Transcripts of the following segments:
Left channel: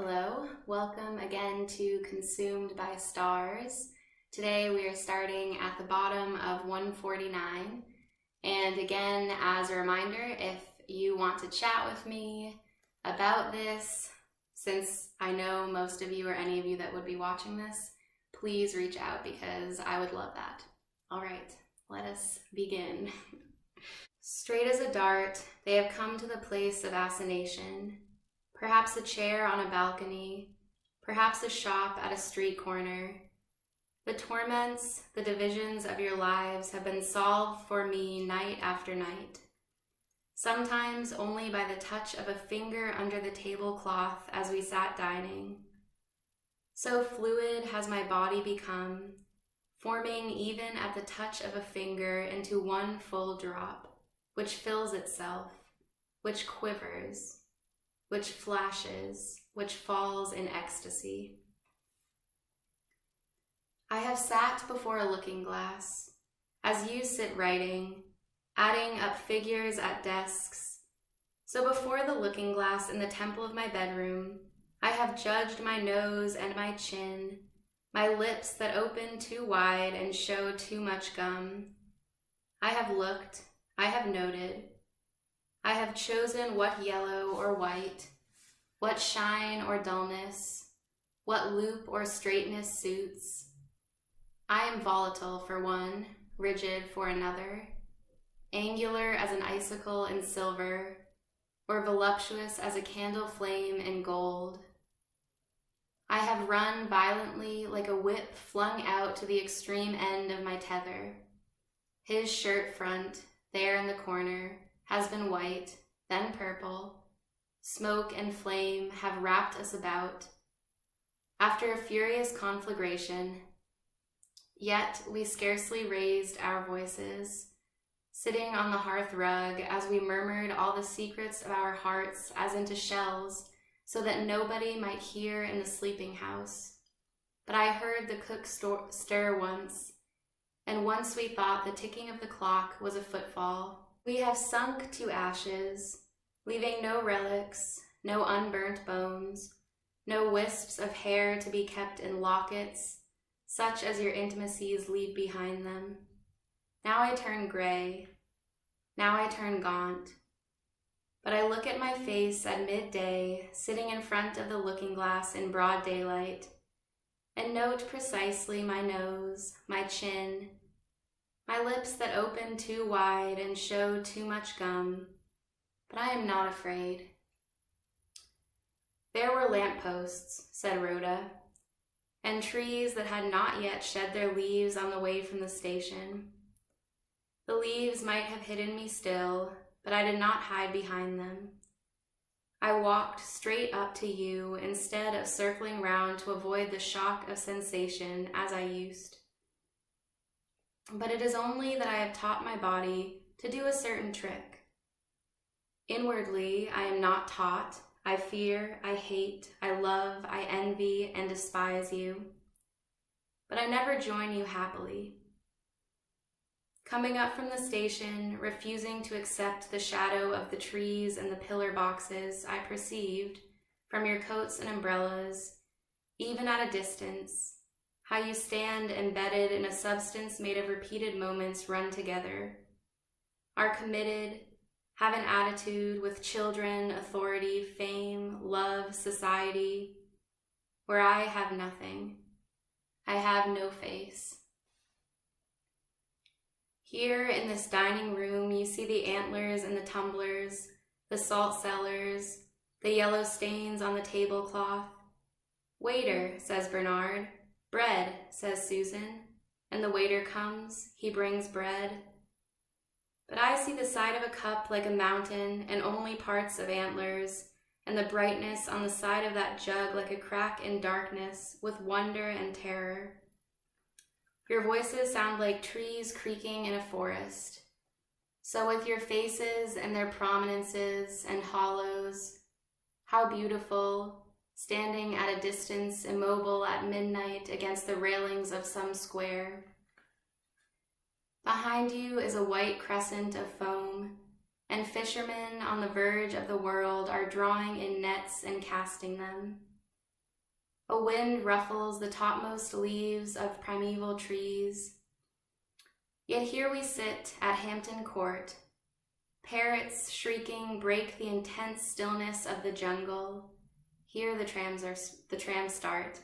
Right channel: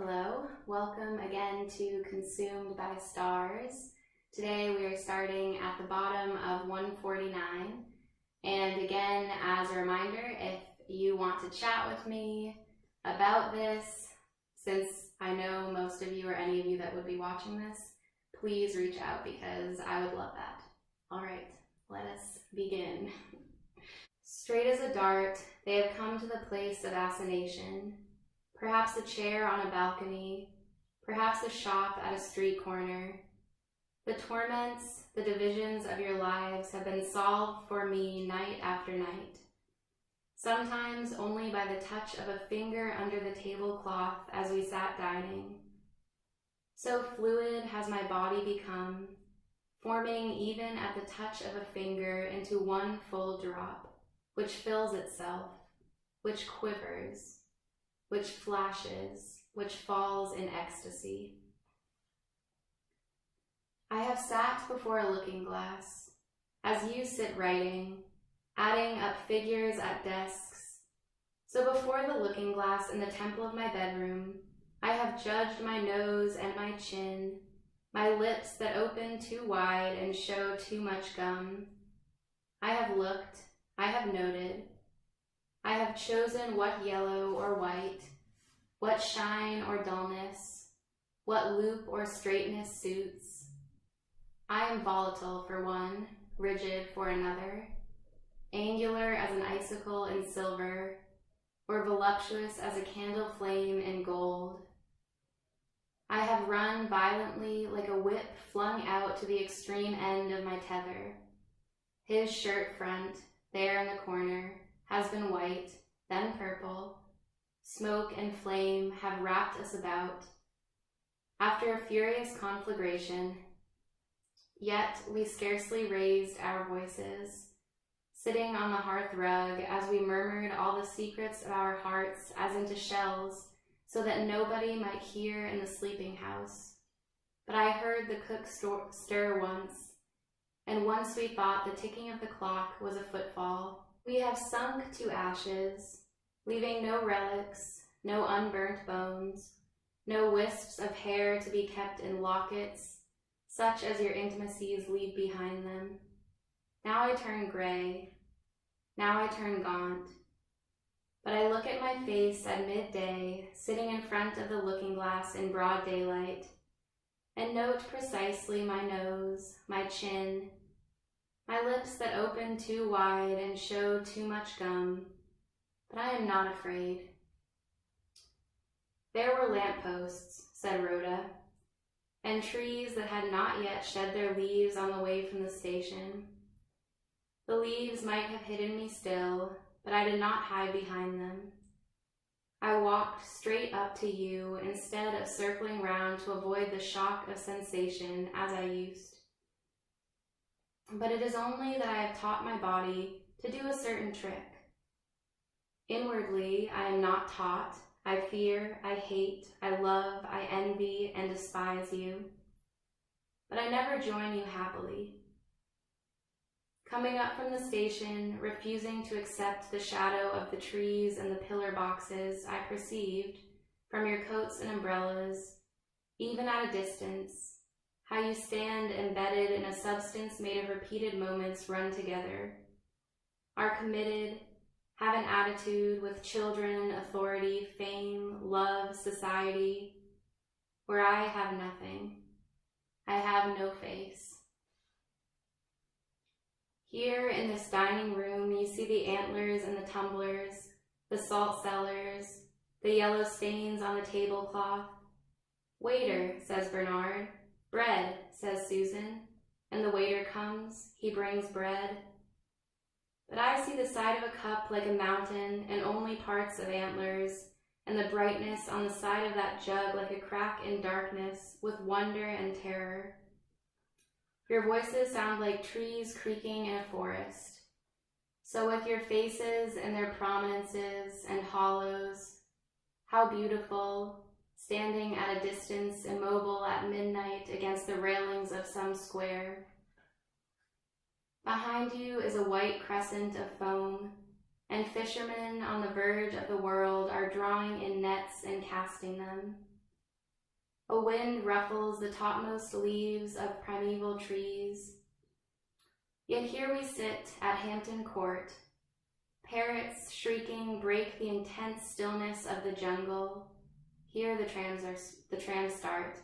Hello, welcome again to Consumed by Stars. Today we are starting at the bottom of 149. And again, as a reminder, if you want to chat with me about this, since I know most of you or any of you that would be watching this, please reach out because I would love that. All right, let us begin. Straight as a dart, they have come to the place of assignation. Perhaps a chair on a balcony, perhaps a shop at a street corner. The torments, the divisions of your lives have been solved for me night after night. Sometimes only by the touch of a finger under the tablecloth as we sat dining. So fluid has my body become, forming even at the touch of a finger into one full drop, which fills itself, which quivers, which flashes, which falls in ecstasy. I have sat before a looking glass, as you sit writing, adding up figures at desks. So before the looking glass in the temple of my bedroom, I have judged my nose and my chin, my lips that open too wide and show too much gum. I have looked, I have noted, I have chosen what yellow or white, what shine or dullness, what loop or straightness suits. I am volatile for one, rigid for another, angular as an icicle in silver, or voluptuous as a candle flame in gold. I have run violently like a whip flung out to the extreme end of my tether. His shirt front, there in the corner, has been white, then purple. Smoke and flame have wrapped us about. After a furious conflagration, yet we scarcely raised our voices, sitting on the hearth rug as we murmured all the secrets of our hearts as into shells, so that nobody might hear in the sleeping house. But I heard the cook stir once, and once we thought the ticking of the clock was a footfall. We have sunk to ashes, leaving no relics, no unburnt bones, no wisps of hair to be kept in lockets, such as your intimacies leave behind them. Now I turn gray, now I turn gaunt, but I look at my face at midday, sitting in front of the looking glass in broad daylight, and note precisely my nose, my chin, my lips that open too wide and show too much gum, but I am not afraid. There were lampposts, said Rhoda, and trees that had not yet shed their leaves on the way from the station. The leaves might have hidden me still, but I did not hide behind them. I walked straight up to you instead of circling round to avoid the shock of sensation as I used. But it is only that I have taught my body to do a certain trick. Inwardly, I am not taught. I fear, I hate, I love, I envy, and despise you. But I never join you happily. Coming up from the station, refusing to accept the shadow of the trees and the pillar boxes, I perceived, from your coats and umbrellas, even at a distance, how you stand embedded in a substance made of repeated moments run together, are committed, have an attitude with children, authority, fame, love, society, where I have nothing. I have no face. Here in this dining room, you see the antlers and the tumblers, the salt cellars, the yellow stains on the tablecloth. Waiter, says Bernard. Bread, says Susan. And the waiter comes, he brings bread. But I see the side of a cup like a mountain and only parts of antlers, and the brightness on the side of that jug like a crack in darkness with wonder and terror. Your voices sound like trees creaking in a forest. So with your faces and their prominences and hollows, how beautiful, standing at a distance, immobile at midnight against the railings of some square. Behind you is a white crescent of foam, and fishermen on the verge of the world are drawing in nets and casting them. A wind ruffles the topmost leaves of primeval trees. Yet here we sit at Hampton Court. Parrots shrieking break the intense stillness of the jungle. Here the trams start.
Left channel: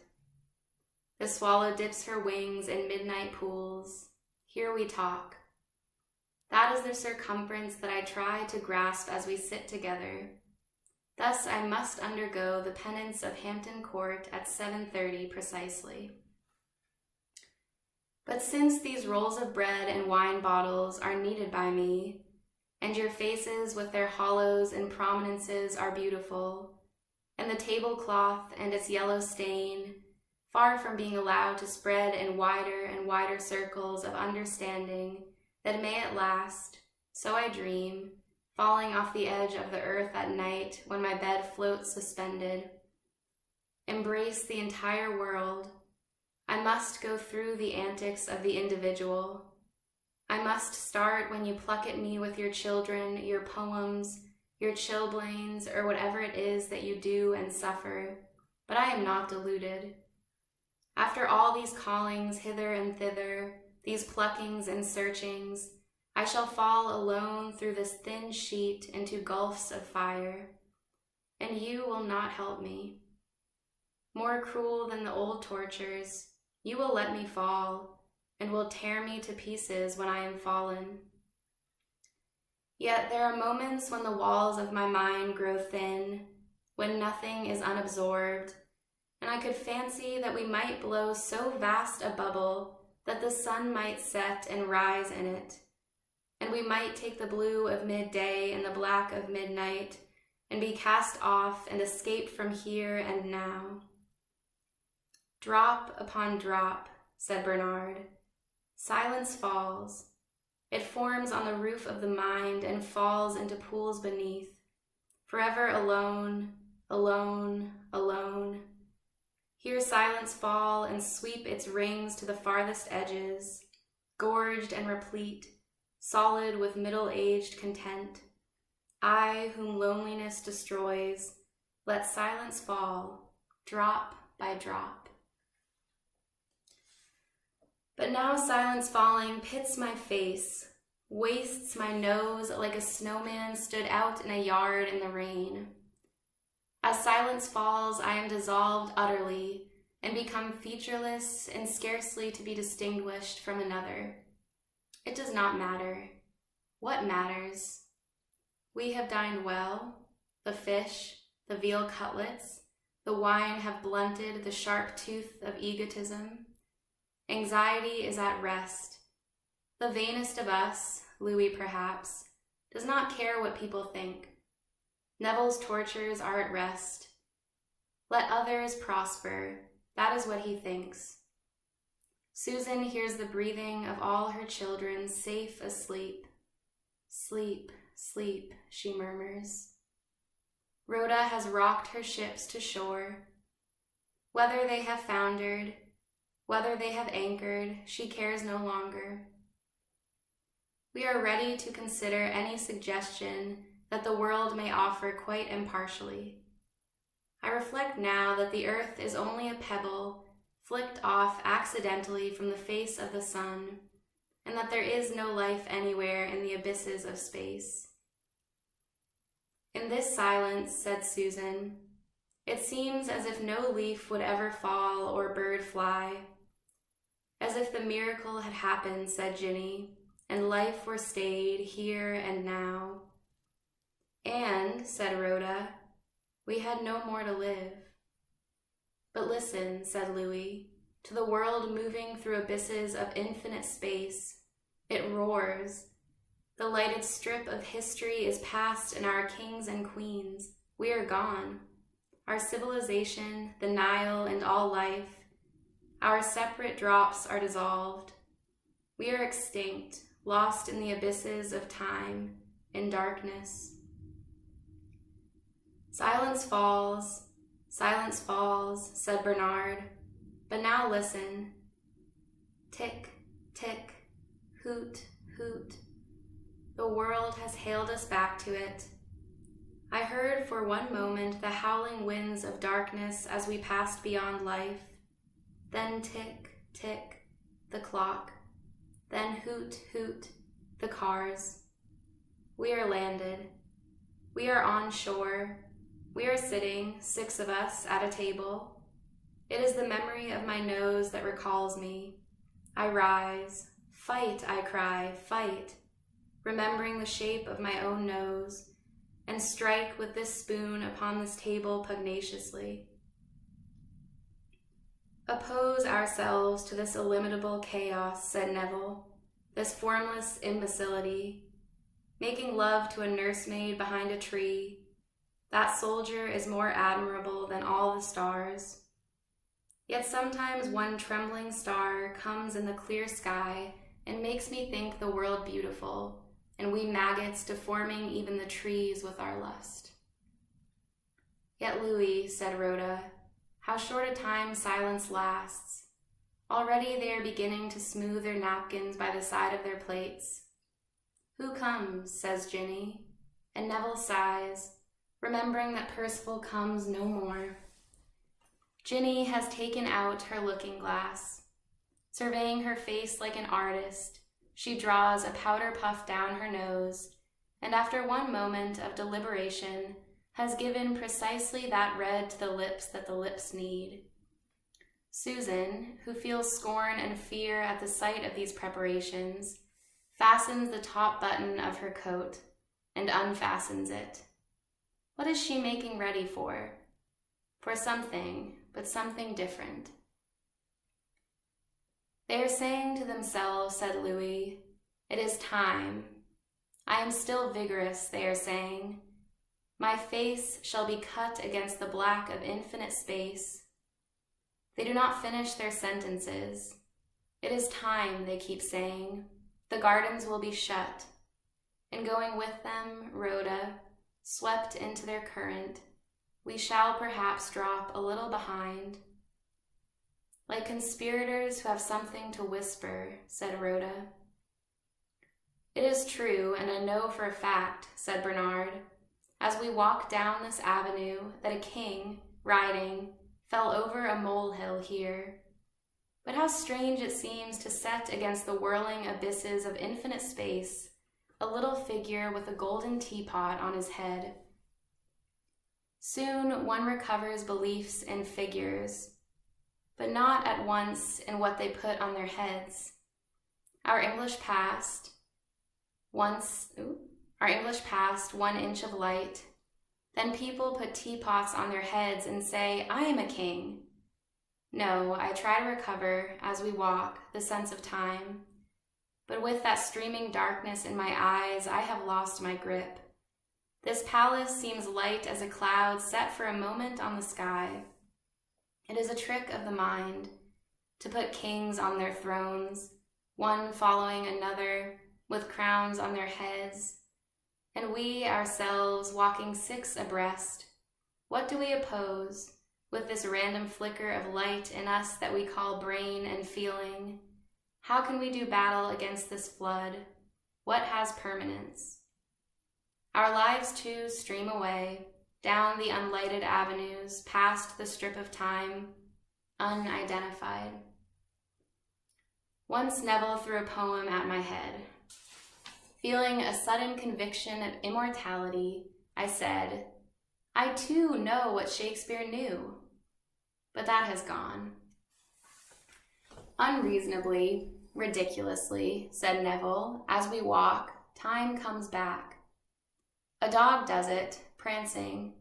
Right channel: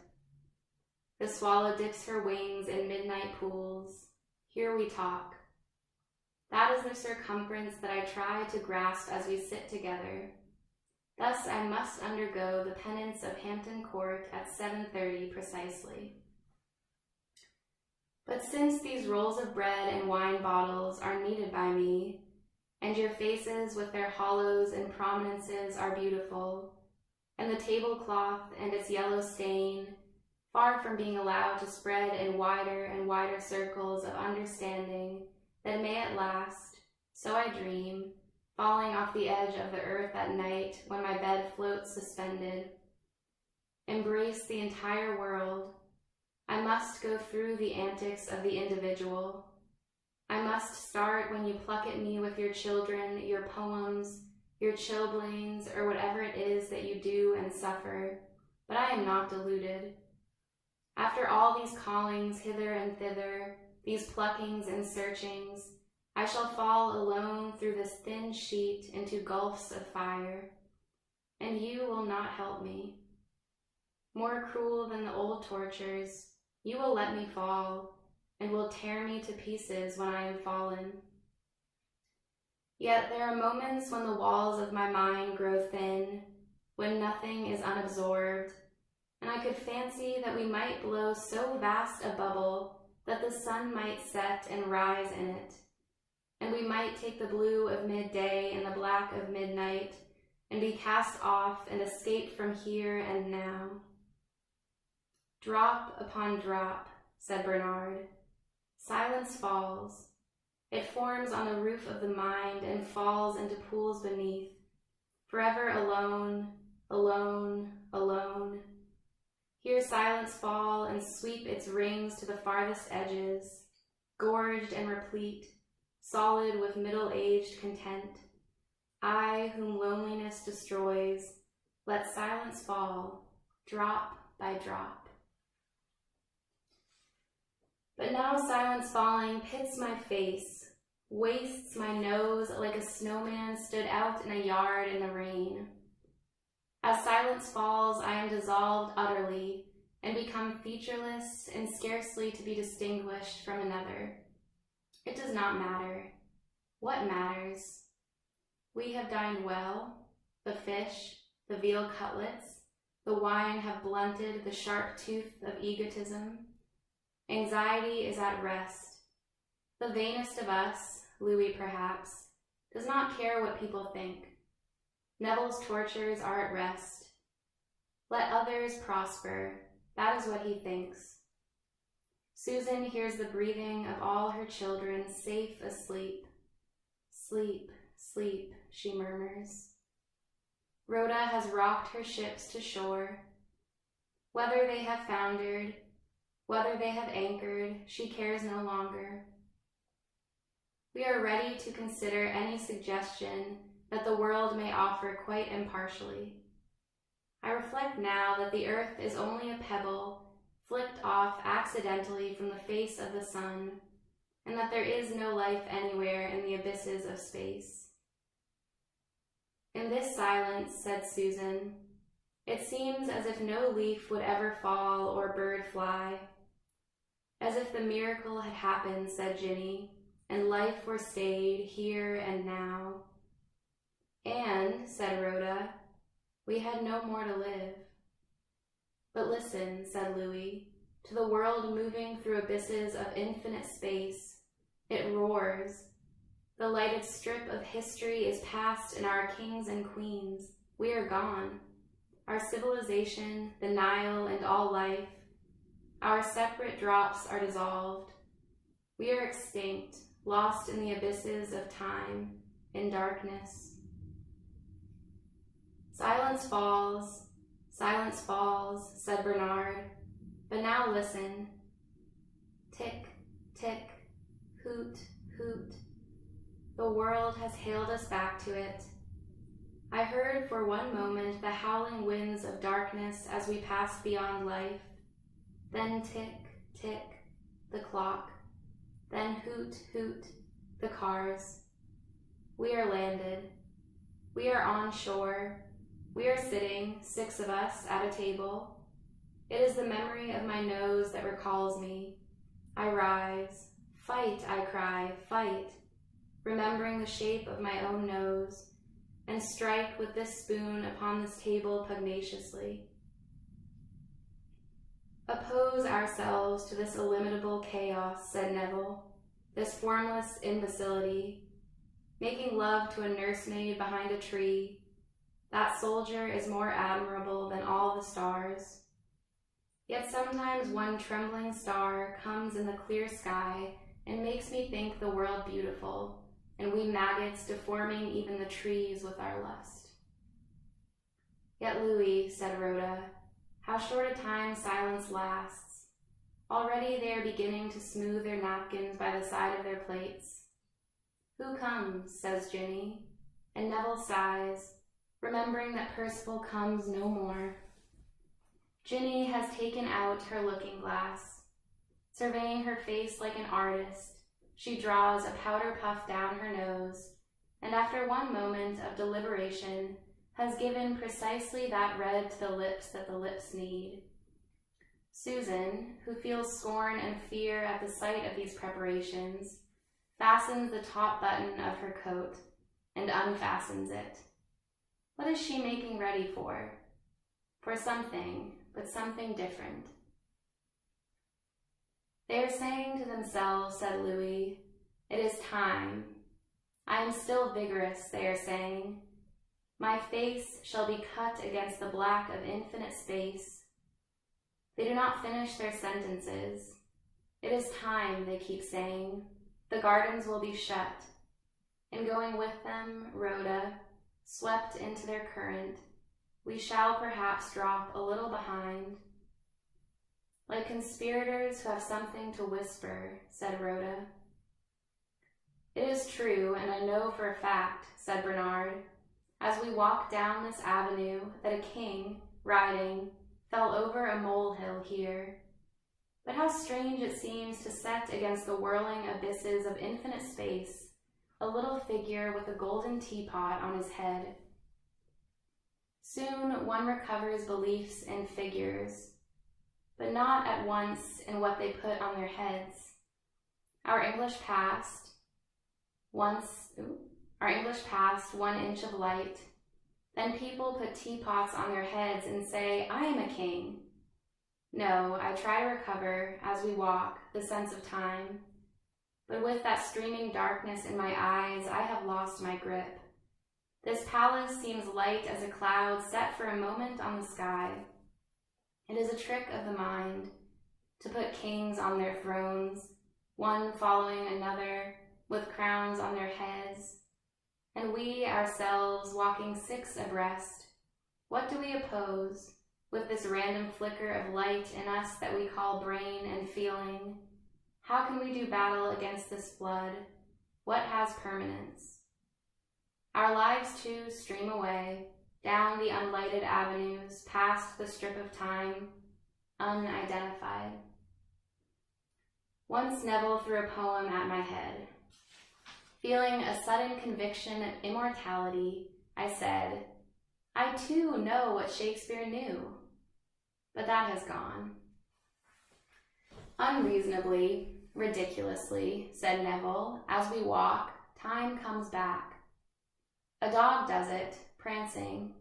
The swallow dips her wings in midnight pools. Here we talk. That is the circumference that I try to grasp as we sit together. Thus I must undergo the penance of Hampton Court at 7:30 precisely. But since these rolls of bread and wine bottles are needed by me, and your faces with their hollows and prominences are beautiful, and the tablecloth and its yellow stain, far from being allowed to spread in wider and wider circles of understanding, that may at last, so I dream, falling off the edge of the earth at night when my bed floats suspended, embrace the entire world, I must go through the antics of the individual. I must start when you pluck at me with your children, your poems, your chilblains, or whatever it is that you do and suffer, but I am not deluded. After all these callings hither and thither, these pluckings and searchings, I shall fall alone through this thin sheet into gulfs of fire, and you will not help me. More cruel than the old tortures, you will let me fall, and will tear me to pieces when I am fallen. Yet there are moments when the walls of my mind grow thin, when nothing is unabsorbed, and I could fancy that we might blow so vast a bubble that the sun might set and rise in it, and we might take the blue of midday and the black of midnight, and be cast off and escape from here and now. Drop upon drop, said Bernard. Silence falls. It forms on the roof of the mind and falls into pools beneath, forever alone, alone, alone. Hear silence fall and sweep its rings to the farthest edges, gorged and replete, solid with middle-aged content. I, whom loneliness destroys, let silence fall, drop by drop. But now silence falling pits my face, wastes my nose like a snowman stood out in a yard in the rain. As silence falls, I am dissolved utterly and become featureless and scarcely to be distinguished from another. It does not matter. What matters? We have dined well. The fish, the veal cutlets, the wine have blunted the sharp tooth of egotism. Anxiety is at rest. The vainest of us, Louis perhaps, does not care what people think. Neville's tortures are at rest. Let others prosper, that is what he thinks. Susan hears the breathing of all her children safe asleep. Sleep, sleep, she murmurs. Rhoda has rocked her ships to shore. Whether they have foundered, whether they have anchored, she cares no longer. We are ready to consider any suggestion that the world may offer quite impartially. I reflect now that the earth is only a pebble flicked off accidentally from the face of the sun, and that there is no life anywhere in the abysses of space. In this silence, said Susan, it seems as if no leaf would ever fall or bird fly. As if the miracle had happened, said Ginny, and life were stayed here and now. And, said Rhoda, we had no more to live. But listen, said Louis, to the world moving through abysses of infinite space. It roars. The lighted strip of history is past in our kings and queens. We are gone. Our civilization, the Nile, and all life. Our separate drops are dissolved. We are extinct, lost in the abysses of time, in darkness. Silence falls, said Bernard. But now listen. Tick, tick, hoot, hoot. The world has hailed us back to it. I heard for one moment the howling winds of darkness darkness as we passed beyond life. Then tick, tick, the clock. Then hoot, hoot, the cars. We are landed. We are on shore. We are sitting, 6 of us, at a table. It is the memory of my nose that recalls me. I rise. Fight, I cry, fight, remembering the shape of my own nose, and strike with this spoon upon this table pugnaciously. Oppose ourselves to this illimitable chaos, said Neville, this formless imbecility. Making love to a nursemaid behind a tree, that soldier is more admirable than all the stars. Yet sometimes one trembling star comes in the clear sky and makes me think the world beautiful, and we maggots deforming even the trees with our lust. Yet Louis, said Rhoda, how short a time silence lasts. Already they are beginning to smooth their napkins by the side of their plates. Who comes, says Ginny, and Neville sighs, remembering that Percival comes no more. Ginny has taken out her looking glass. Surveying her face like an artist, she draws a powder puff down her nose, and after one moment of deliberation, has given precisely that red to the lips that the lips need. Susan, who feels scorn and fear at the sight of these preparations, fastens the top button of her coat and unfastens it. What is she making ready for? For something, but something different. They are saying to themselves, said Louis, it is time. I am still vigorous, they are saying. My face shall be cut against the black of infinite space. They do not finish their sentences. It is time, they keep saying. The gardens will be shut. And going with them, Rhoda, swept into their current, we shall perhaps drop a little behind. Like conspirators who have something to whisper, said Rhoda. It is true, and I know for a fact, said Bernard, as we walked down this avenue, that a king, riding, fell over a molehill here. But how strange it seems to set against the whirling abysses of infinite space a little figure with a golden teapot on his head. Soon one recovers beliefs in figures, but not at once in what they put on their heads. Our English past, 1 inch of light. Then people put teapots on their heads and say, I am a king. No, I try to recover, as we walk, the sense of time. But with that streaming darkness in my eyes, I have lost my grip. This palace seems light as a cloud set for a moment on the sky. It is a trick of the mind to put kings on their thrones, one following another, with crowns on their heads, and we ourselves walking 6 abreast. What do we oppose with this random flicker of light in us that we call brain and feeling? How can we do battle against this flood? What has permanence? Our lives too stream away, down the unlighted avenues, past the strip of time, unidentified. Once Neville threw a poem at my head. Feeling a sudden conviction of immortality, I said, I too know what Shakespeare knew. But that has gone. Unreasonably, ridiculously, said Neville, as we walk, time comes back. A dog does it, prancing.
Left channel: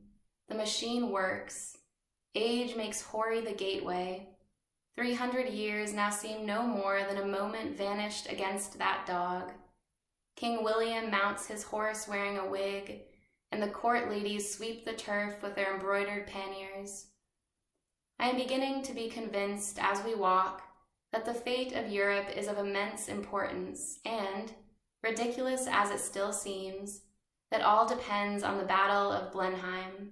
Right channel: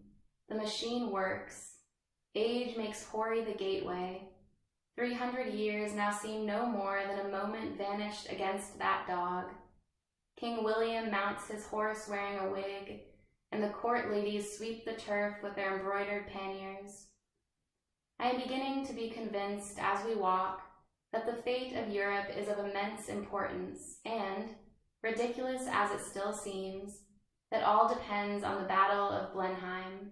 The machine works. Age makes hoary the gateway. 300 years now seem no more than a moment vanished against that dog. King William mounts his horse wearing a wig, and the court ladies sweep the turf with their embroidered panniers. I am beginning to be convinced as we walk that the fate of Europe is of immense importance, and, ridiculous as it still seems, that all depends on the Battle of Blenheim.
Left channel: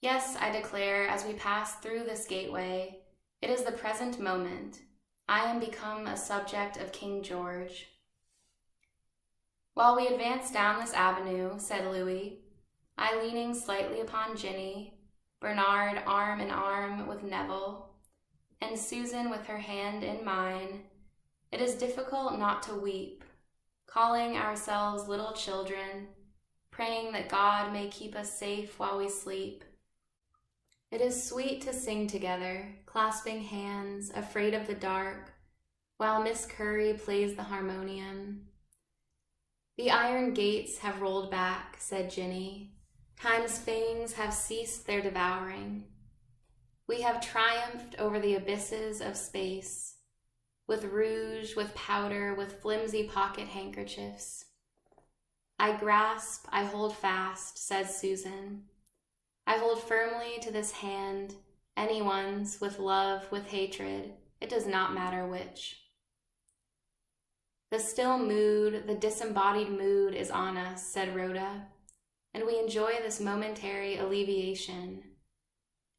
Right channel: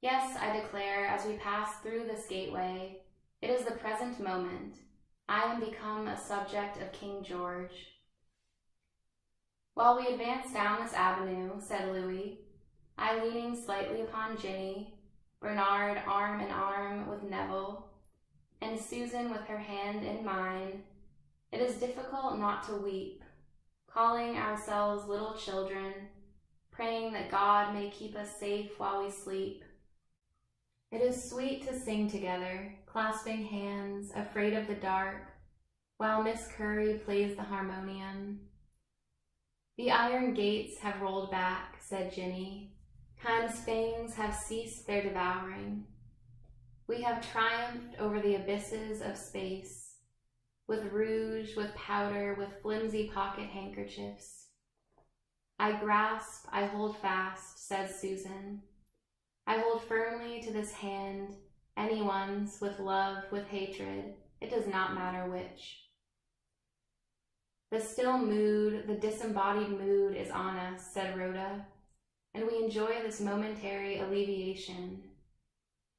Yes, I declare, as we pass through this gateway, it is the present moment. I am become a subject of King George. While we advance down this avenue, said Louis, I leaning slightly upon Ginny, Bernard arm in arm with Neville, and Susan with her hand in mine, it is difficult not to weep, calling ourselves little children, praying that God may keep us safe while we sleep. It is sweet to sing together, clasping hands, afraid of the dark, while Miss Curry plays the harmonium. The iron gates have rolled back, said Ginny. Time's fangs have ceased their devouring. We have triumphed over the abysses of space, with rouge, with powder, with flimsy pocket handkerchiefs. I grasp, I hold fast, said Susan. I hold firmly to this hand, anyone's, with love, with hatred, it does not matter which. The still mood, the disembodied mood is on us, said Rhoda, and we enjoy this momentary alleviation.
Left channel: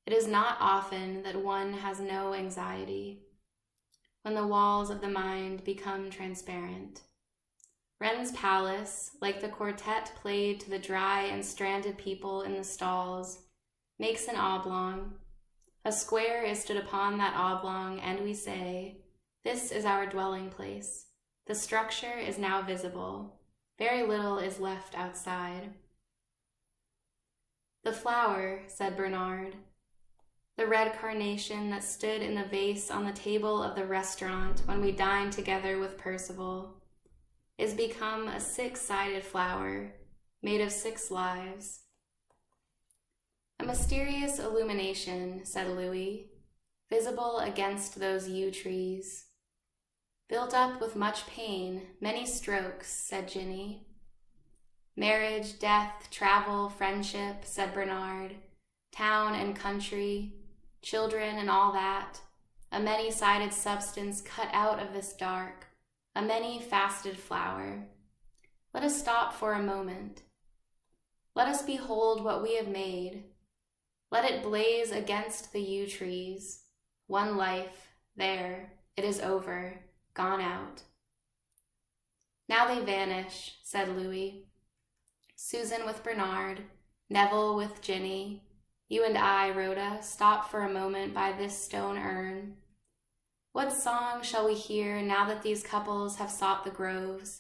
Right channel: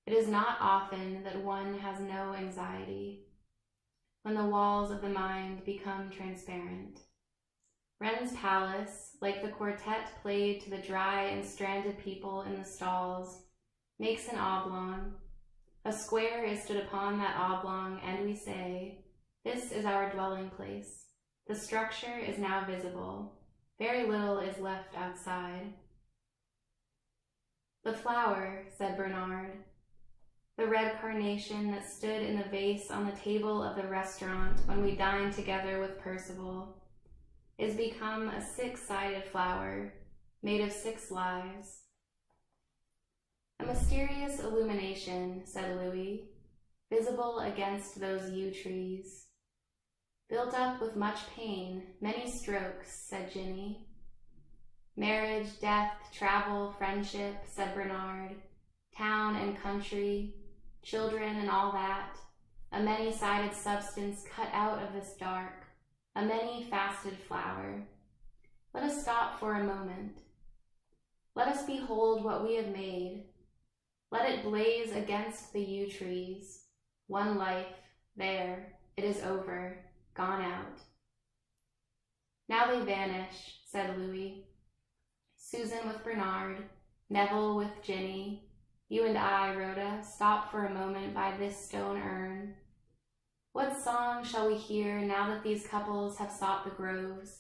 It is not often that one has no anxiety, when the walls of the mind become transparent. Wren's palace, like the quartet played to the dry and stranded people in the stalls, makes an oblong. A square is stood upon that oblong, and we say, this is our dwelling place. The structure is now visible. Very little is left outside. The flower, said Bernard, the red carnation that stood in the vase on the table of the restaurant when we dined together with Percival, is become a 6-sided flower made of 6 lives. A mysterious illumination, said Louis, visible against those yew trees. Built up with much pain, many strokes, said Ginny. Marriage, death, travel, friendship, said Bernard, town and country, children and all that, a many-sided substance cut out of this dark, a many-faceted flower. Let us stop for a moment. Let us behold what we have made. Let it blaze against the yew trees. One life, there, it is over, gone out. Now they vanish, said Louis. Susan with Bernard, Neville with Ginny, you and I, Rhoda, stop for a moment by this stone urn. What song shall we hear now that these couples have sought the groves?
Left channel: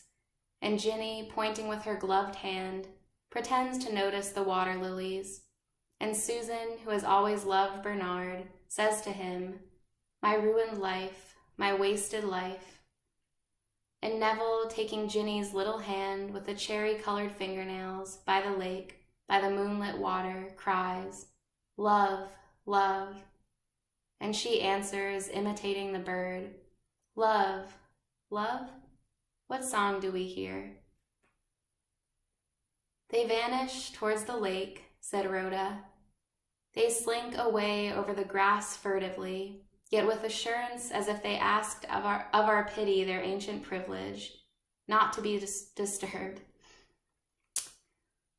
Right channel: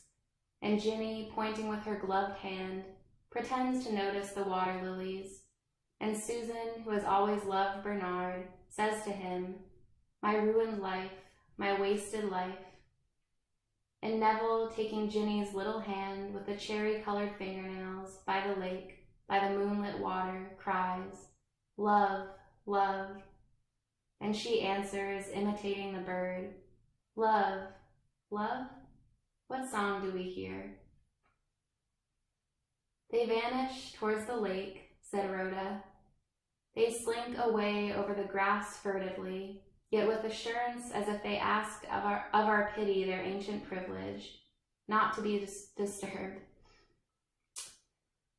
And Ginny, pointing with her gloved hand, pretends to notice the water lilies. And Susan, who has always loved Bernard, says to him, my ruined life, my wasted life. And Neville, taking Ginny's little hand with the cherry-colored fingernails by the lake, by the moonlit water, cries, love, love. And she answers, imitating the bird, love, love? What song do we hear? They vanish towards the lake, said Rhoda. They slink away over the grass furtively, yet with assurance as if they asked of our pity their ancient privilege, not to be disturbed.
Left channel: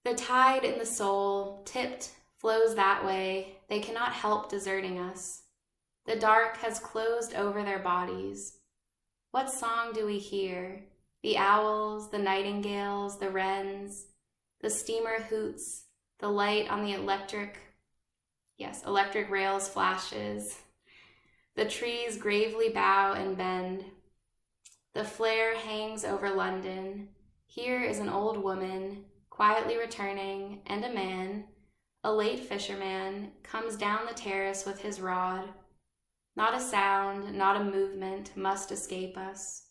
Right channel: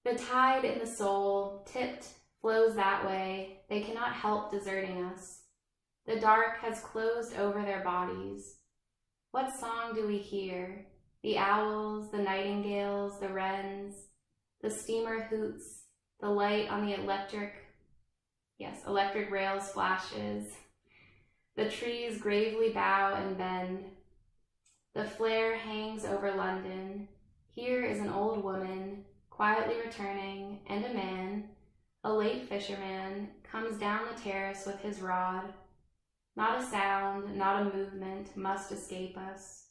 The tide in the soul, tipped, flows that way. They cannot help deserting us. The dark has closed over their bodies. What song do we hear? The owls, the nightingales, the wrens, the steamer hoots, the light on the electric rails flashes. The trees gravely bow and bend. The flare hangs over London. Here is an old woman, quietly returning, and a man, a late fisherman, comes down the terrace with his rod. Not a sound, not a movement must escape us.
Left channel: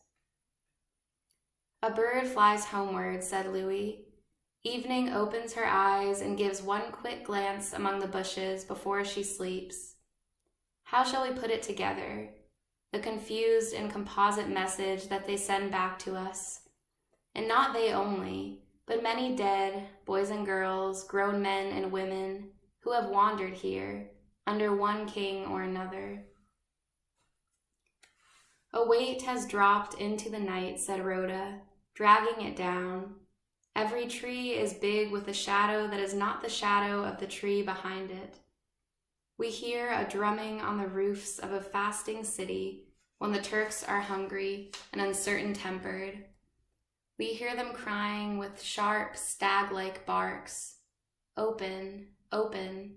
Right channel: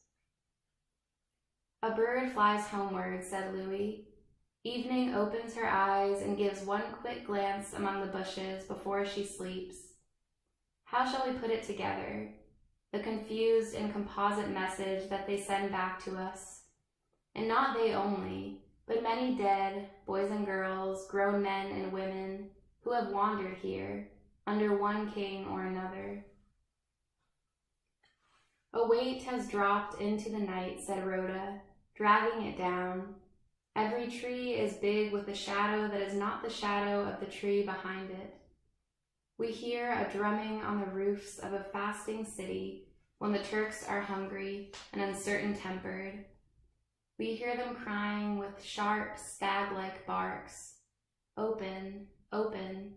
A bird flies homeward, said Louis. Evening opens her eyes and gives one quick glance among the bushes before she sleeps. How shall we put it together, the confused and composite message that they send back to us? And not they only, but many dead, boys and girls, grown men and women, who have wandered here, under one king or another. A weight has dropped into the night, said Rhoda, dragging it down. Every tree is big with a shadow that is not the shadow of the tree behind it. We hear a drumming on the roofs of a fasting city when the Turks are hungry and uncertain-tempered. We hear them crying with sharp, stag-like barks, open, open.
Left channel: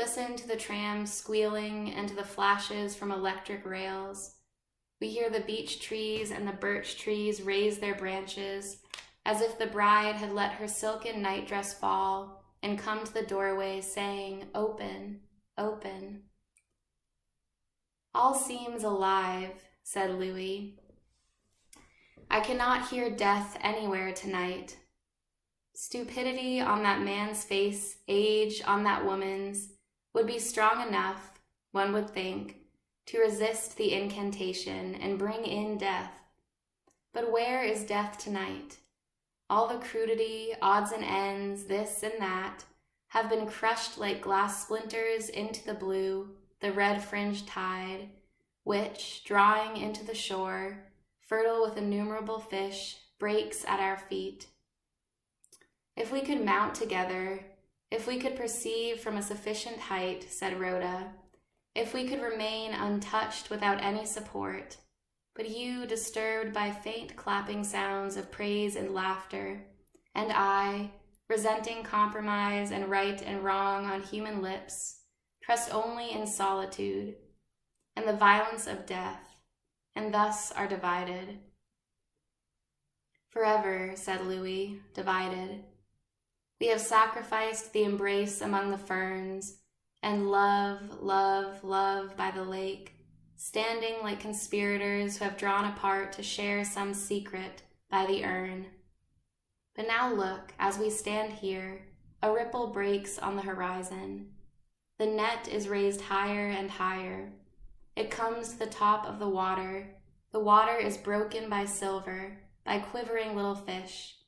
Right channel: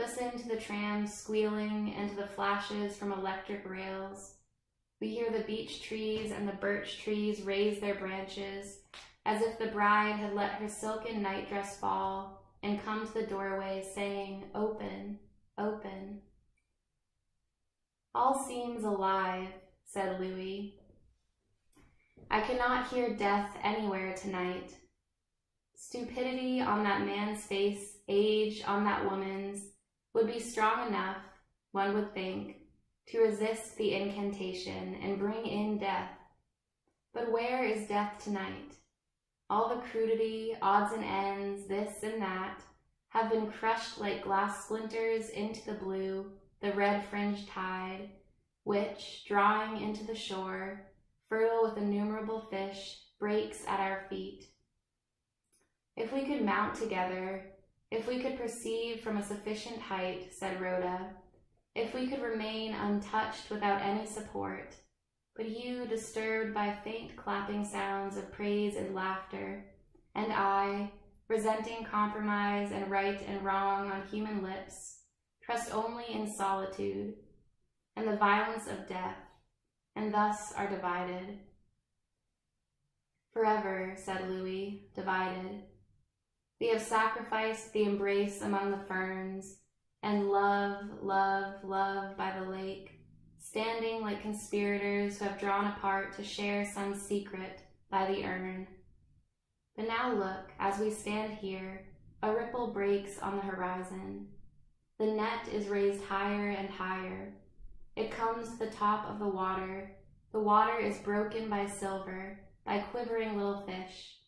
Listen to the trams squealing and to the flashes from electric rails. We hear the beech trees and the birch trees raise their branches, as if the bride had let her silken nightdress fall and come to the doorway saying, "Open, open." "All seems alive," said Louis. "I cannot hear death anywhere tonight. Stupidity on that man's face, age on that woman's, would be strong enough, one would think, to resist the incantation and bring in death. But where is death tonight? All the crudity, odds and ends, this and that, have been crushed like glass splinters into the blue, the red-fringed tide, which, drawing into the shore, fertile with innumerable fish, breaks at our feet. If we could mount together, if we could perceive from a sufficient height," said Rhoda, "if we could remain untouched without any support, but you disturbed by faint clapping sounds of praise and laughter, and I, resenting compromise and right and wrong on human lips, trust only in solitude and the violence of death, and thus are divided." "Forever," said Louis, "divided. We have sacrificed the embrace among the ferns, and love, love, love by the lake, standing like conspirators who have drawn apart to share some secret by the urn. But now look, as we stand here, a ripple breaks on the horizon. The net is raised higher and higher. It comes to the top of the water. The water is broken by silver, by quivering little fish.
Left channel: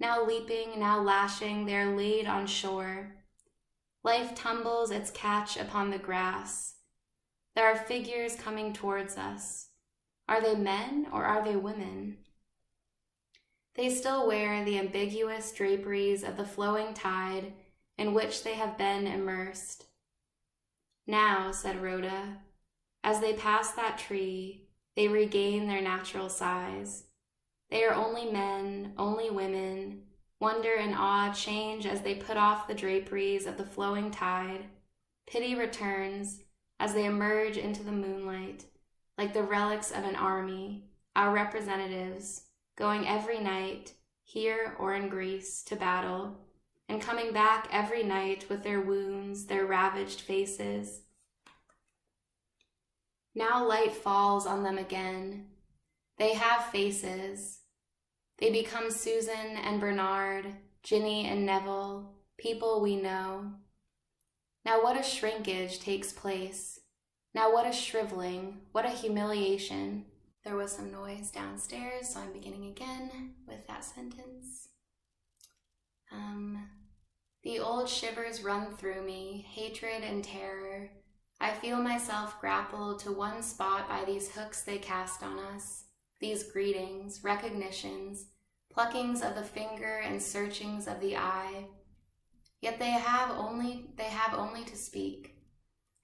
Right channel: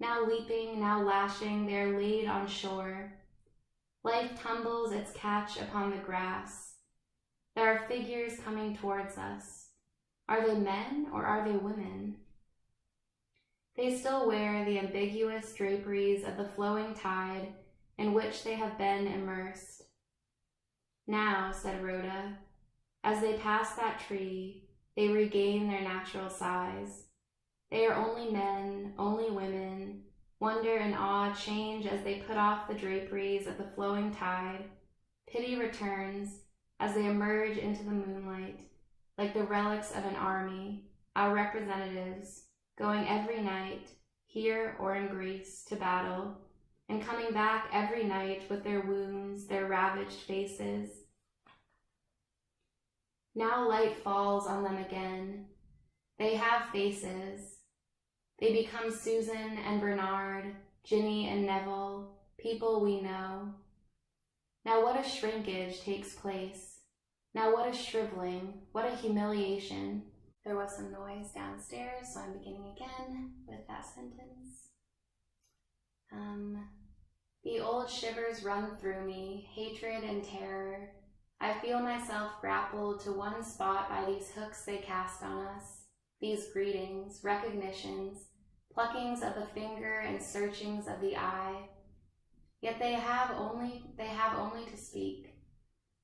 Now leaping, now lashing, they are laid on shore. Life tumbles its catch upon the grass. There are figures coming towards us. Are they men or are they women? They still wear the ambiguous draperies of the flowing tide in which they have been immersed. Now, said Rhoda, as they pass that tree, they regain their natural size. They are only men, only women. Wonder and awe change as they put off the draperies of the flowing tide. Pity returns as they emerge into the moonlight, like the relics of an army, our representatives, going every night, here or in Greece, to battle, and coming back every night with their wounds, their ravaged faces. Now light falls on them again. They have faces. They become Susan and Bernard, Ginny and Neville, people we know. Now what a shrinkage takes place. Now what a shriveling, what a humiliation. There was some noise downstairs, so I'm beginning again with that sentence. The old shivers run through me, hatred and terror. I feel myself grappled to one spot by these hooks they cast on us, these greetings, recognitions, pluckings of the finger and searchings of the eye. Yet they have only to speak,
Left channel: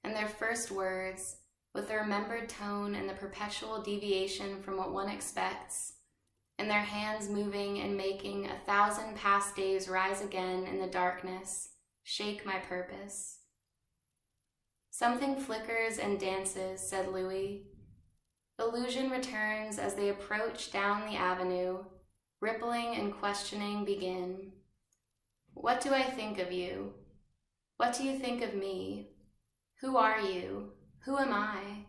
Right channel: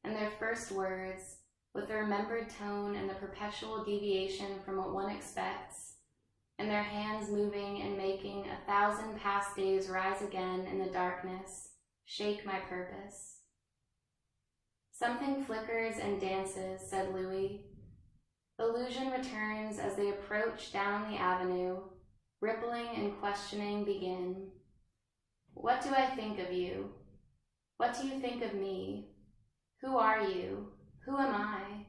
and their first words, with the remembered tone and the perpetual deviation from what one expects, and their hands moving and making 1,000 past days rise again in the darkness, shake my purpose. Something flickers and dances, said Louis. Illusion returns as they approach down the avenue. Rippling and questioning begin. What do I think of you? What do you think of me? Who are you? Who am I?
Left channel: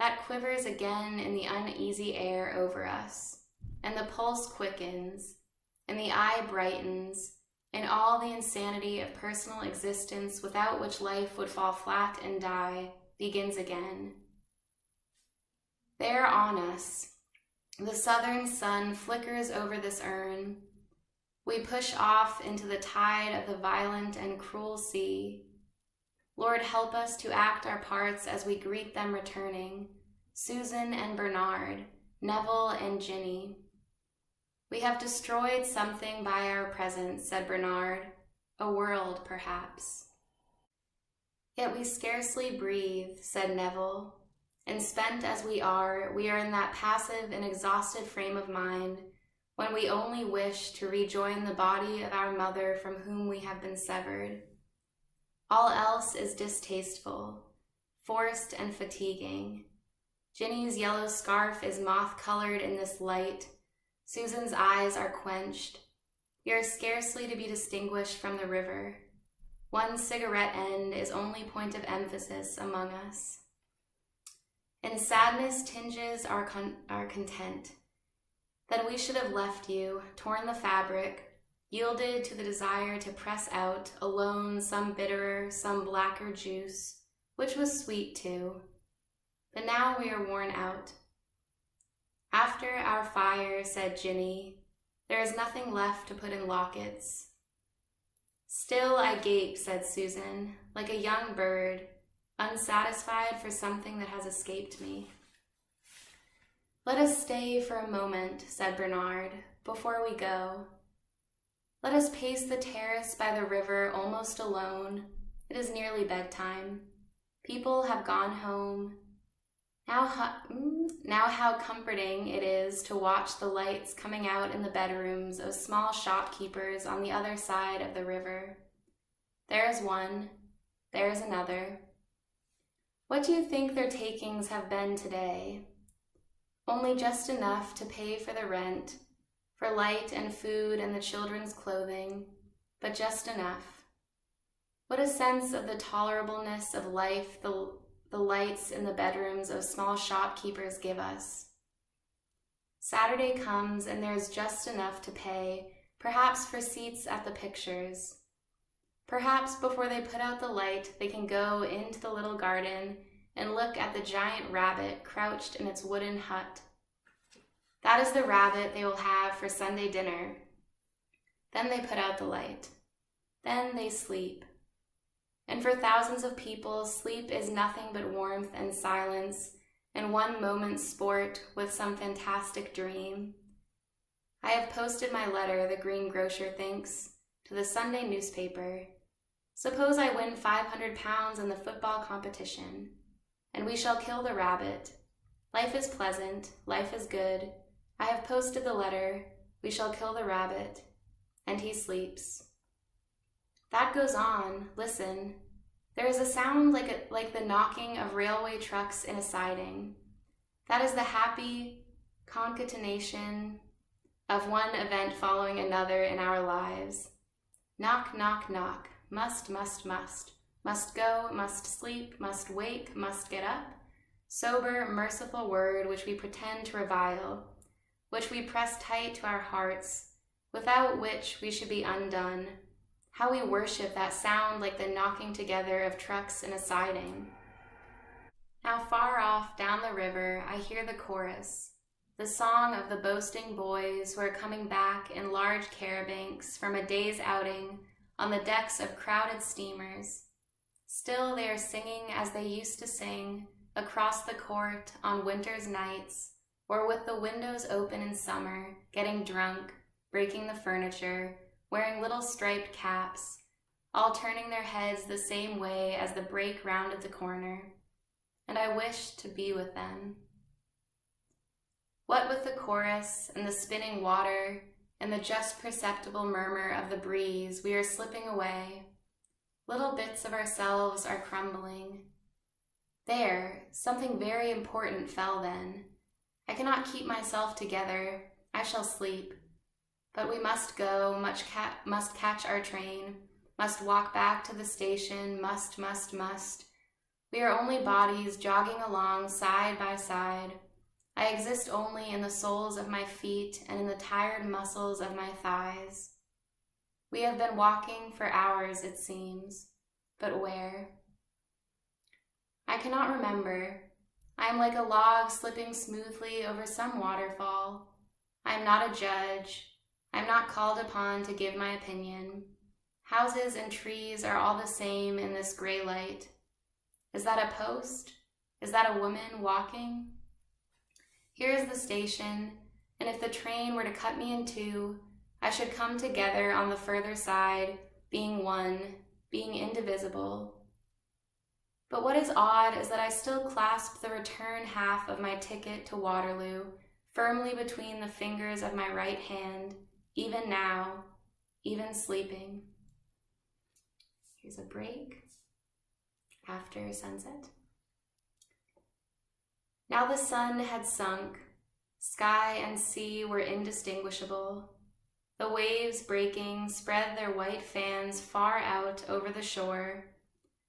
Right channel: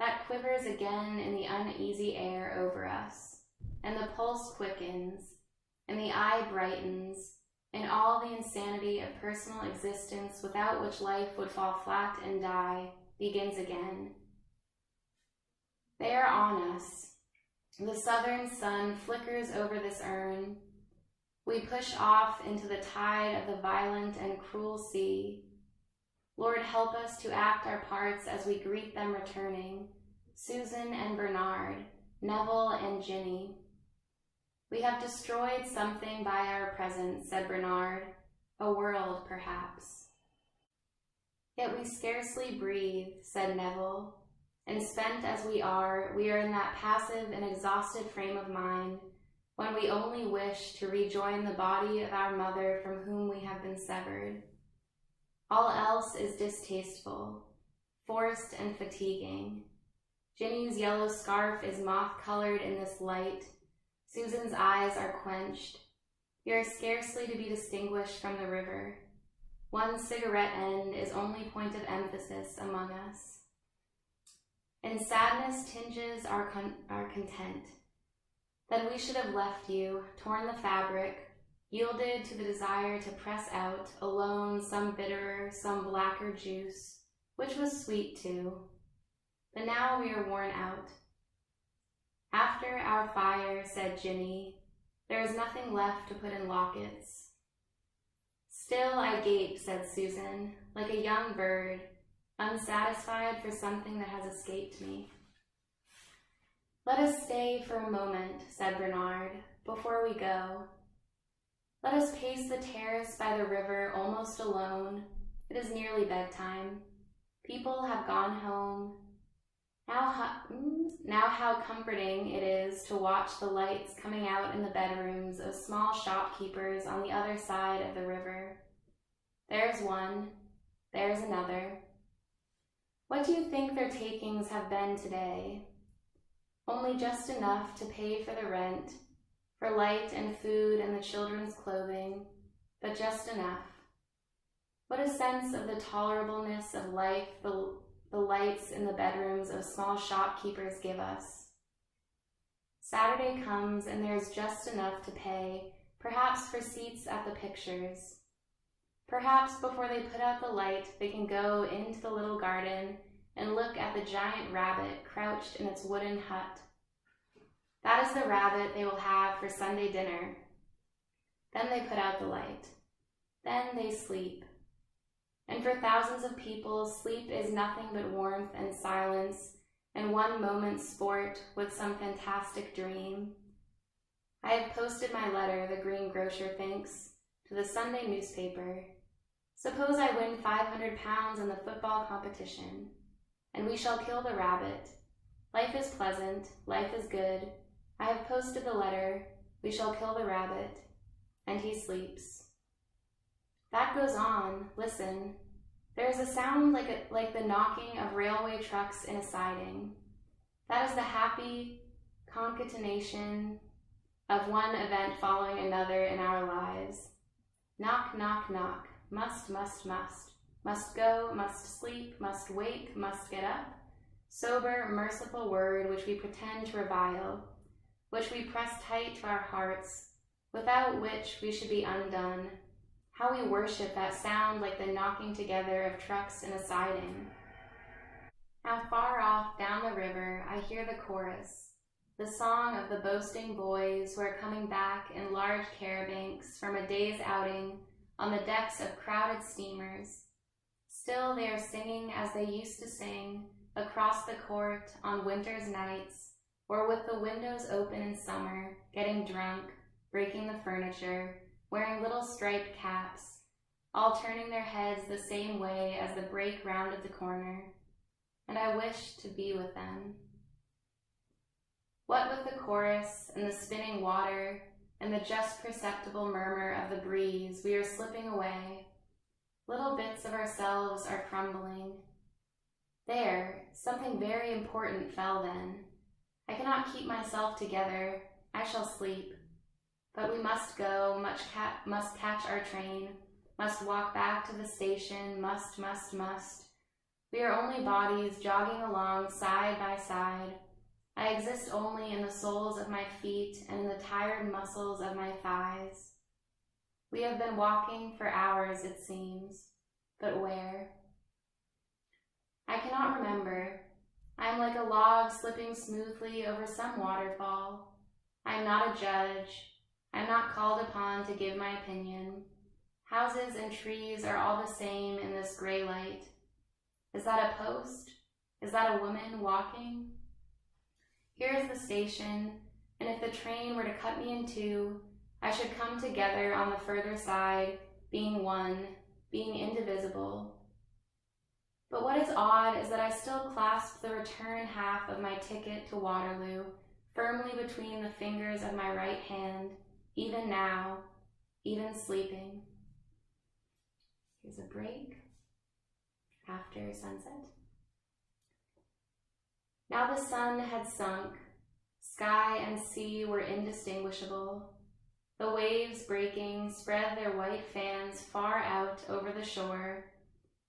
That quivers again in the uneasy air over us, and the pulse quickens, and the eye brightens, and all the insanity of personal existence without which life would fall flat and die begins again. They are on us. The southern sun flickers over this urn. We push off into the tide of the violent and cruel sea. Lord, help us to act our parts as we greet them returning, Susan and Bernard, Neville and Ginny. We have destroyed something by our presence, said Bernard, a world, perhaps. Yet we scarcely breathe, said Neville, and spent as we are in that passive and exhausted frame of mind when we only wish to rejoin the body of our mother from whom we have been severed. All else is distasteful, forced and fatiguing. Ginny's yellow scarf is moth-colored in this light. Susan's eyes are quenched. We are scarcely to be distinguished from the river. One cigarette end is only point of emphasis among us. And sadness tinges our content. Then we should have left you, torn the fabric, yielded to the desire to press out, alone, some bitterer, some blacker juice, which was sweet too. But now we are worn out. After our fire, said Ginny, there is nothing left to put in lockets. Still I gape, said Susan, like a young bird, unsatisfied for something that has escaped me. Let us stay for a moment, said Bernard, before we go. Let us pace the terrace by the river almost alone. It is nearly bedtime. People have gone home. Now how comforting it is to watch the lights coming out in the bedrooms of small shopkeepers on the other side of the river. There's one, there's another. What do you think their takings have been today? Only just enough to pay for the rent, for light and food and the children's clothing, but just enough. What a sense of the tolerableness of life the lights in the bedrooms of small shopkeepers give us. Saturday comes and there's just enough to pay, perhaps for seats at the pictures. Perhaps before they put out the light, they can go into the little garden and look at the giant rabbit crouched in its wooden hut. That is the rabbit they will have for Sunday dinner. Then they put out the light. Then they sleep. And for thousands of people, sleep is nothing but warmth and silence and one moment's sport with some fantastic dream. I have posted my letter, the greengrocer thinks, to the Sunday newspaper. Suppose I win £500 in the football competition, and we shall kill the rabbit. Life is pleasant, life is good. I have posted the letter, we shall kill the rabbit, and he sleeps. That goes on, listen. There is a sound like the knocking of railway trucks in a siding. That is the happy concatenation of one event following another in our lives. Knock, knock, knock. Must, must, must. Must go, must sleep, must wake, must get up. Sober, merciful word which we pretend to revile, which we press tight to our hearts, without which we should be undone. How we worship that sound like the knocking together of trucks in a siding. Now far off down the river I hear the chorus, the song of the boasting boys who are coming back in large carabancs from a day's outing on the decks of crowded steamers. Still they are singing as they used to sing across the court on winter's nights, or with the windows open in summer, getting drunk, breaking the furniture, wearing little striped caps, all turning their heads the same way as the break rounded the corner, and I wish to be with them. What with the chorus and the spinning water and the just perceptible murmur of the breeze, we are slipping away. Little bits of ourselves are crumbling. There, something very important fell then. I cannot keep myself together. I shall sleep. But we must go, must catch our train, must walk back to the station, must. We are only bodies jogging along side by side. I exist only in the soles of my feet and in the tired muscles of my thighs. We have been walking for hours, it seems, but where? I cannot remember. I am like a log slipping smoothly over some waterfall. I am not a judge. I am not called upon to give my opinion. Houses and trees are all the same in this gray light. Is that a post? Is that a woman walking? Here is the station, and if the train were to cut me in two, I should come together on the further side, being one, being indivisible. But what is odd is that I still clasp the return half of my ticket to Waterloo firmly between the fingers of my right hand, even now, even sleeping. Here's a break. after sunset. Now the sun had sunk. Sky and sea were indistinguishable. The waves breaking spread their white fans far out over the shore,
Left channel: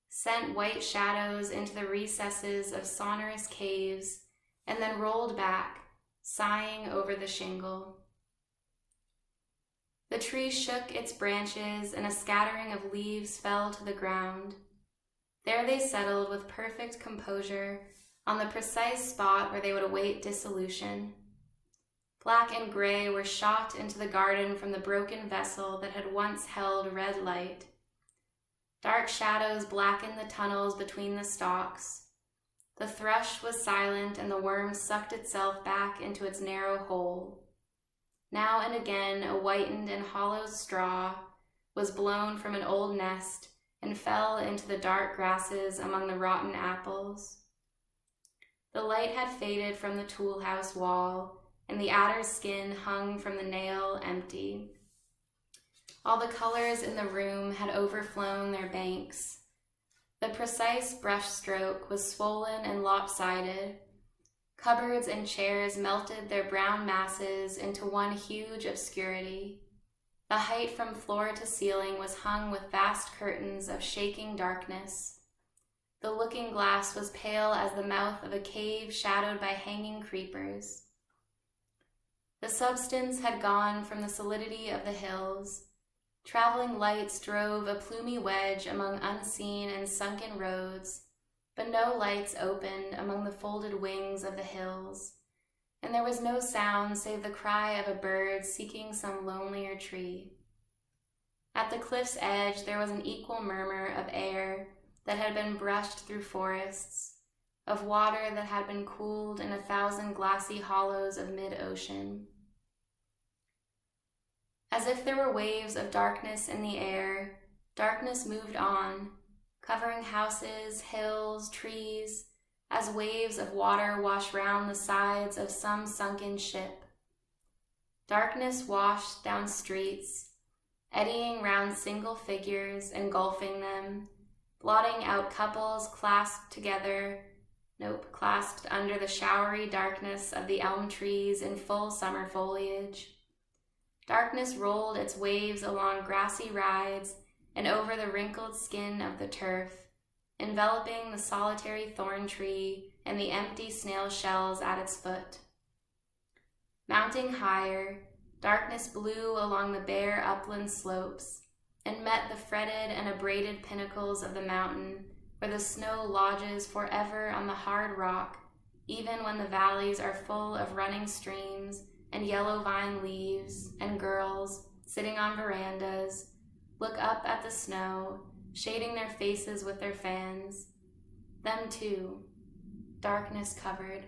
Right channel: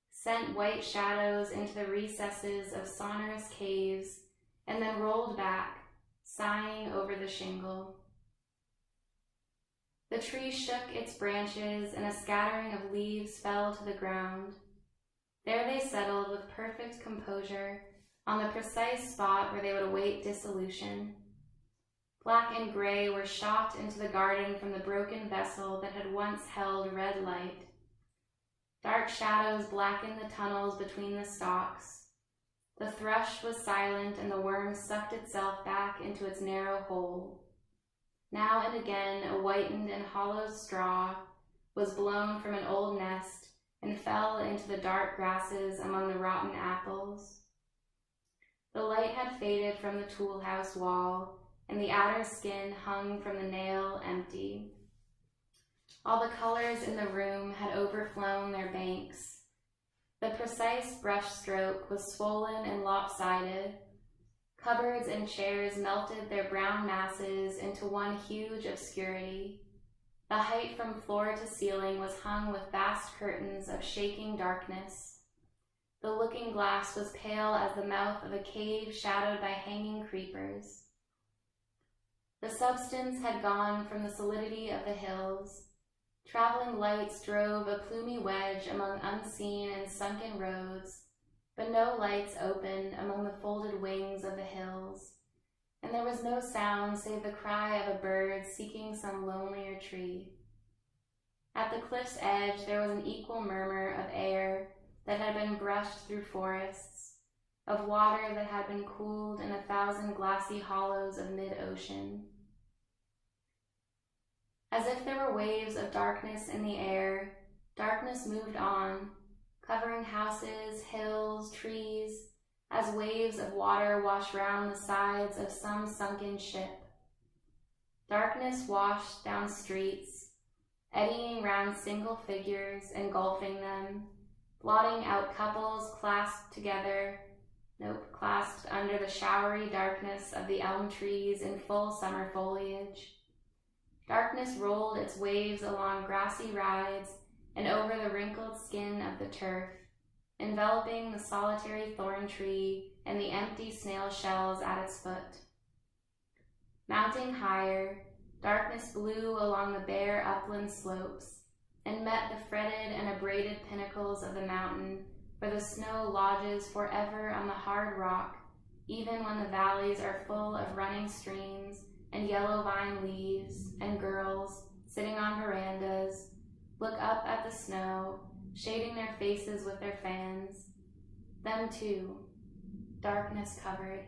sent white shadows into the recesses of sonorous caves, and then rolled back, sighing over the shingle. The tree shook its branches, and a scattering of leaves fell to the ground. There they settled with perfect composure on the precise spot where they would await dissolution. Black and gray were shot into the garden from the broken vessel that had once held red light. Dark shadows blackened the tunnels between the stalks. The thrush was silent, and the worm sucked itself back into its narrow hole. Now and again a whitened and hollow straw was blown from an old nest and fell into the dark grasses among the rotten apples. The light had faded from the tool house wall, and the adder's skin hung from the nail empty. All the colors in the room had overflown their banks. The precise brushstroke was swollen and lopsided. Cupboards and chairs melted their brown masses into one huge obscurity. The height from floor to ceiling was hung with vast curtains of shaking darkness. The looking glass was pale as the mouth of a cave shadowed by hanging creepers. The substance had gone from the solidity of the hills. Traveling lights drove a plumy wedge among unseen and sunken roads, but no lights opened among the folded wings of the hills, and there was no sound save the cry of a bird seeking some lonelier tree. At the cliff's edge there was an equal murmur of air that had been brushed through forests, of water that had been cooled in 1,000 glassy hollows of mid-ocean. As if there were waves of darkness in the air, darkness moved on, covering houses, hills, trees, as waves of water wash round the sides of some sunken ship. Darkness washed down streets, eddying round single figures, engulfing them, blotting out couples clasped under the showery darkness of the elm trees in full summer foliage. Darkness rolled its waves along grassy rides and over the wrinkled skin of the turf, enveloping the solitary thorn tree and the empty snail shells at its foot. Mounting higher, darkness blew along the bare upland slopes and met the fretted and abraded pinnacles of the mountain, where the snow lodges forever on the hard rock, even when the valleys are full of running streams and yellow vine leaves, and girls, sitting on verandas, look up at the snow, shading their faces with their fans. Them too, darkness covered.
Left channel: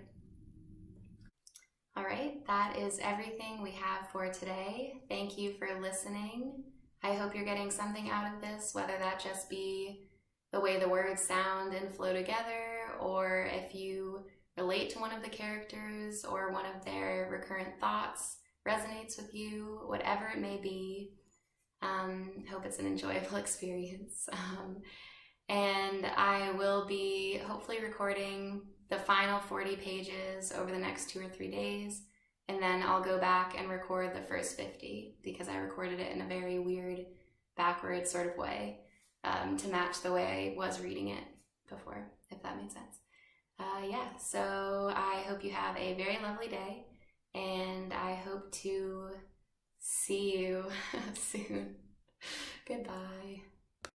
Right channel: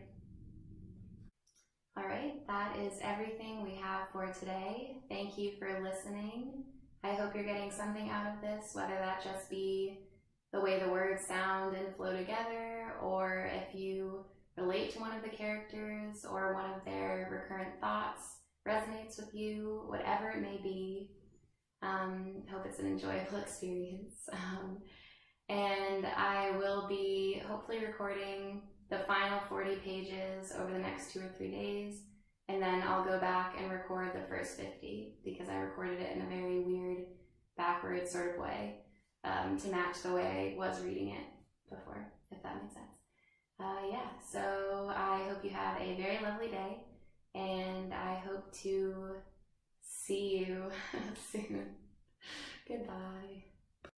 All right, that is everything we have for today. Thank you for listening. I hope you're getting something out of this, whether that just be the way the words sound and flow together, or if you relate to one of the characters or one of their recurrent thoughts resonates with you, whatever it may be. Hope it's an enjoyable experience. And I will be hopefully recording the final 40 pages over the next 2 or 3 days, and then I'll go back and record the first 50 because I recorded it in a very weird, backwards sort of way to match the way I was reading it before, if that made sense. So I hope you have a very lovely day, and I hope to see you soon. Goodbye.